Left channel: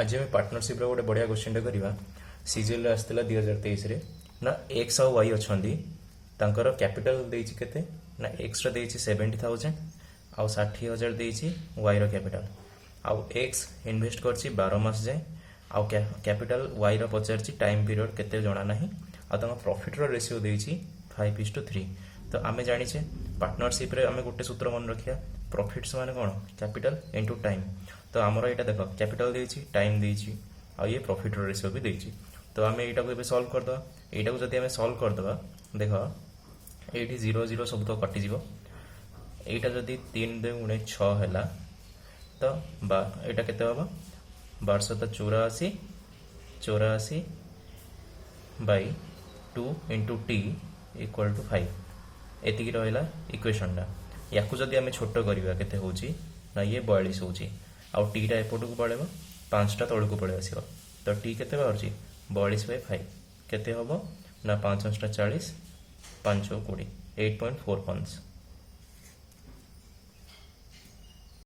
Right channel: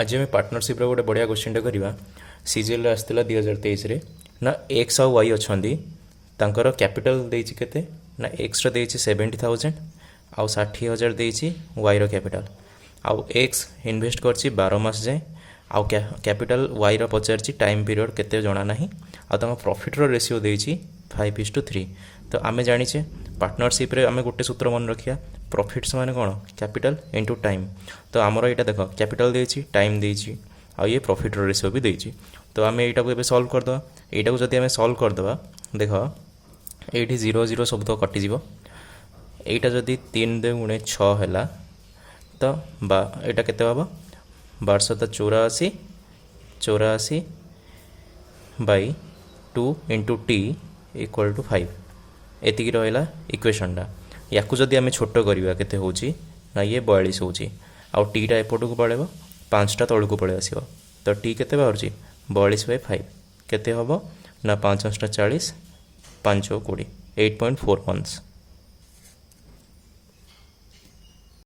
आज आम पार्टनरशिप गोटे बढ़िया क्वेश्चन करवा सीजीएल आसला 2023 ना एक्स आउ वाई अच्छा तांकर कैपिटल देछि केते ना एक्स रो 70,000 आउ 60,000 देछि वाई रो कैपिटल आउ एक्स इन्वेस्ट करछि 12 मास जाए आउ कैपिटल वाई रो पचारछि टाइम पीरियड केते जणा नाही आ तांका प्रॉफिट रो रेशियो देछि 5:3। तो आमे जानिछे पार्टनरशिप रे आमे गोटे सूत्र मन रखिया प्रॉफिट्स माने कोन कैपिटल इनटू टाइम। तो आमर एटा देख कैपिटल देछि टाइम देछि आ ये प्रॉफिट रो रेशियो भी देछि। तो आमे एटा को एबे सॉल्व कर दवा एटा को जदि आमे सॉल्व कर दवा देख एठी 0 0 सब तो कटि जीवो एटा जदि 3 2 गुणे 6 हैला तो बा एटा केते हबो 1284 84 by 2 into t equal to 5 एतिकी रहा इक्वेशनटा या जदि आम छोट करवा केते होची ना ये 42 होची आउ टीटा एपट को पड़ेब 5टा तौल को पड़े आसो। तो टी केते बाहर 42/5 केते हम ना 5 × 5 = 40 5 × 20 8.4 मंथ्स।